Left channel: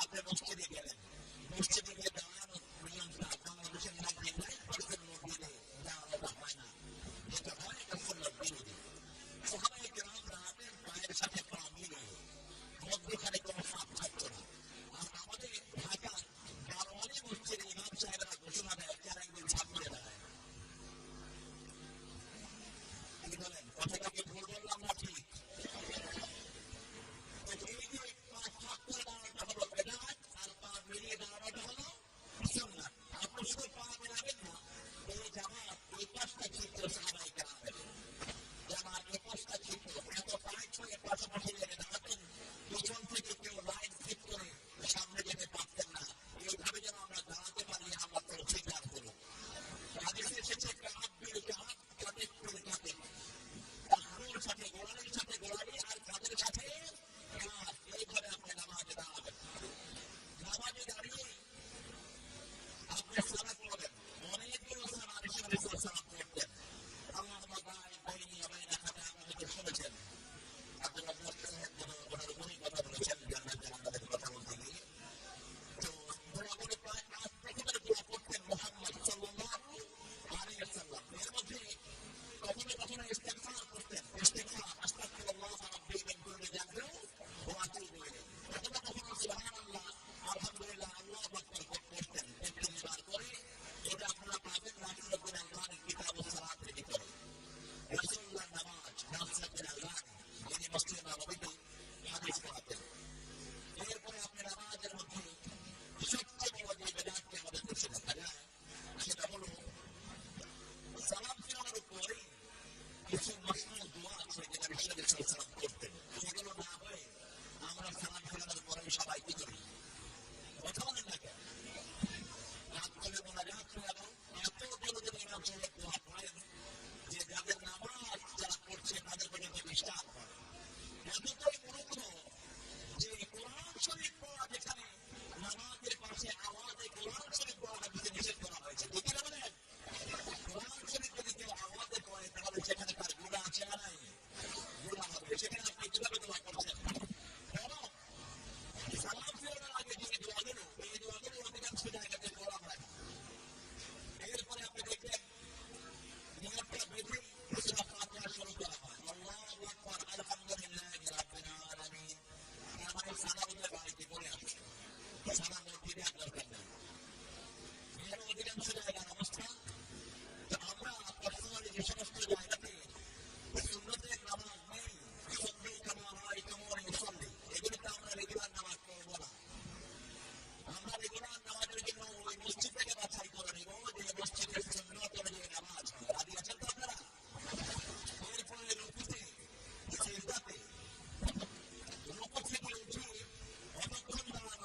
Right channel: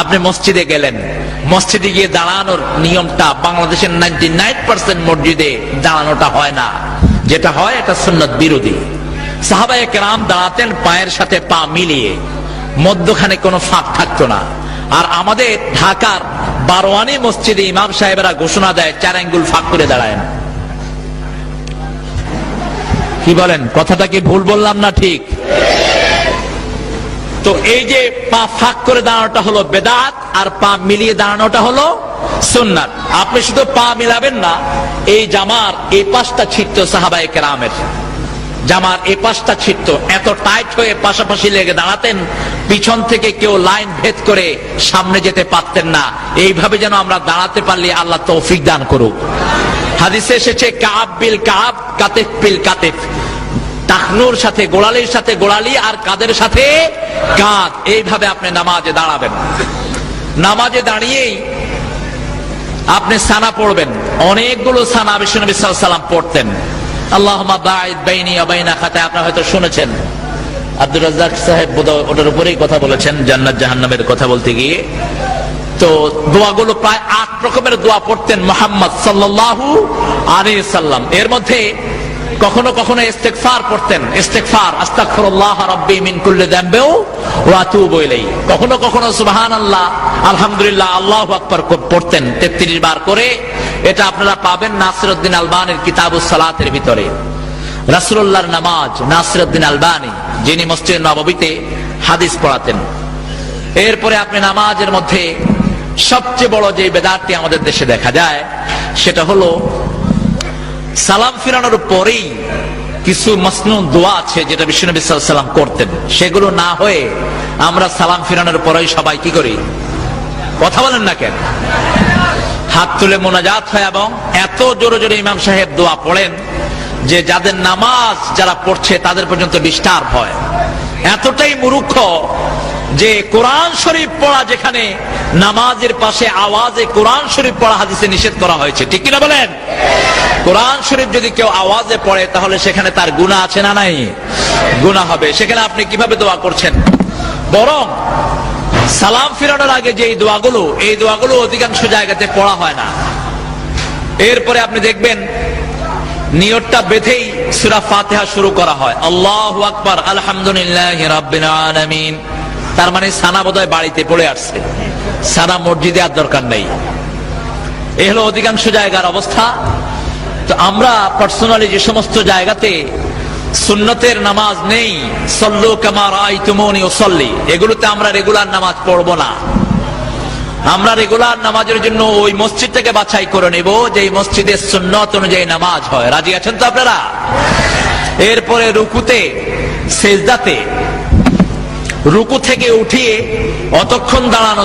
আপনি মসজিদে গেলেন, মসজিদে গিয়ে দাঁড়ানোর নিয়মটা বাংলাদেশের 99% মসজিদে দাঁড়ানোটা হয় না। যেটা হয় এটা সুন্নত বিরোধী। সাহাবায়ে কেরাম দাঁড়াতেন পায়ের সাথে পা মিলিয়ে, মধ্যখানে কোনো ফাঁক থাকতো না। আর আমাদের ঢাকার বারোয়ানি মসজিদে ইমাম সাহেবেরা ঘোষণা দেয় 4 আঙ্গুল ফাঁক করে দাঁড়ায় না। কি বলেন, কথাটা কি ভুল বললাম না ঠিক? তো এই যে পা ফাঁক করে দাঁড়ানোটা হলো বেদাত, আর পা মিলিয়ে দাঁড়ানোটা হলো সুন্নাত। আপনি শুধু পা মিলাবেন না, এই জামার এই পাশটা ছিটতো সাহাবায়ে কেরামের, জামার এই পাশটা ছিটতো, এত টাইট হয়ে পাশাপাশি লেগে দাঁড়াতেন, পিছন থেকে কেউ লাইন ভেদ করে সামনে যেতে পারতেন না। এইভাবে যেন আমরা দাঁড়াতে পারলে আল্লাহ তৌফিক দান করুক। হাদিসে এসেছে কাব বিল কাব, কাতিফ বিল কাতিফ, টাকনুর সাথে গোড়ালির সাথে গোড়ালি, আর কাদের সাথে কাঁধ। এইভাবে আপনি নামাজে দাঁড়াবেন। নামাজে দাঁড়িয়েই আপনি সানা পড়বেন। অনেকগুলো সানা বিশ্বনবী সাল্লাল্লাহু আলাইহি ওয়াসাল্লাম পড়তেন। আল্লাহুম্মা বাঈদ বাইনি ওয়া বাইনা খাতায়া, আপনারা হয়তো শুনেছেন। আব্দুর রাজ্জাক সাহেব বোধহয় ওটার উপরেই কথা বলেছেন, জান্নাত জাহান্নামের কথা বলতে গিয়ে। তো দোয়াগুলো প্রায় 8 রকমের দোয়া পড়তেন মুহাম্মদ সাল্লাল্লাহু আলাইহি সাল্লাম। এর মধ্যে কখনো কখনো ইস্তেগফার পড়তেন, ইস্তেগফার, আস্তাগফিরুল্লাহ রাব্বি মিন কুল্লি যামবি ওয়া আতুবু ইলাইহি। কখনো কখনো সুবহানাল্লাহ, আলহামদুলিল্লাহ, আল্লাহু আকবার পড়তেন 33 বার করে। এটা আপনারা পাবেন নাসিরউদ্দিন আলবানীর কিতাবুস সালাতের ভিতরে। রাসূলুল্লাহর নামাজ, নাসিরউদ্দিন আলবানী, যিনি মসজিদ নববীতে হাদিস পড়াতেন। এরপরে আপনি নামাজের মধ্যে সবচেয়ে বড় যে বেদাতটি আমাদের দেশে দেখা যায়, সেটা হলো সালাম ফিরানোর পরেই কিছু মাসনুন দোয়া আছে যেটা বিশ্বনবী সাল্লাল্লাহু আলাইহি ওয়াসাল্লাম করতেন। সেগুলো না হয়ে আমরা সালাম ফিরানোর পরেই সবাই কি করি? কথা বলেন না কেন? হাত তুলে মোনাজাত হয়, এবং এত জোরে জোরে ইমাম সাহেব দোয়া পড়েন যে যাদের নামাজ যারা পড়ছে তাদের পর্যন্ত ডিস্টার্ব হয়। এতটাই মূর্খ যে কোরআন শরীফ পড়া, যেখানে নামাজের পাশে আওয়াজে কোরআন শরীফ পড়া হাদিসে নিষেধ করা হয়েছে, ঠিক কিনা বলেন? কোরআন শরীফ যদি কেউ আওয়াজে পড়ে তাহলে সেখানে তার গুনাহ আছে না নাই? গুনাহ হবে। সেখানে আপনি কিভাবে দোয়া করছেন? বরং সালাম ফিরানোর আগে যে এই দোয়াগুলো অধিকাংশ জায়গাতে পড়া হয় না। এরপরে আপনি দেখবেন নিয়তটা বেঁধেই সূরা ফাতিহা শুরু করা হয়, আল্লাহু আকবার, আলহামদুলিল্লাহি রাব্বিল আলামিন। তার মানে সানা বোধহয় বাড়িতে পড়ে আসছে, সানা মসজিদে আর দরকার নেই। এই হলো অধিকাংশ জায়গার অবস্থা। তো আমরা পার্সোনালি যে সমস্ত জায়গাতে সুন্নতের নামাজ নেই, সল্লু কামা রাআইতুমুনি উসাল্লি, এগুলোতে আমরা রেগুলার নামাজ পড়বো না। আমরা রেগুলার নামাজের জন্য ওই মসজিদটাকে বাছাই করে নেব যে মসজিদের সুন্নত অনুযায়ী নামাজ হয়। রাজি আছেন তো আপনারা? এরপরে রুকুতে, সেজদাতে, রুকু থেকে উঠিয়ে অতক্ষণ দাঁড়ানো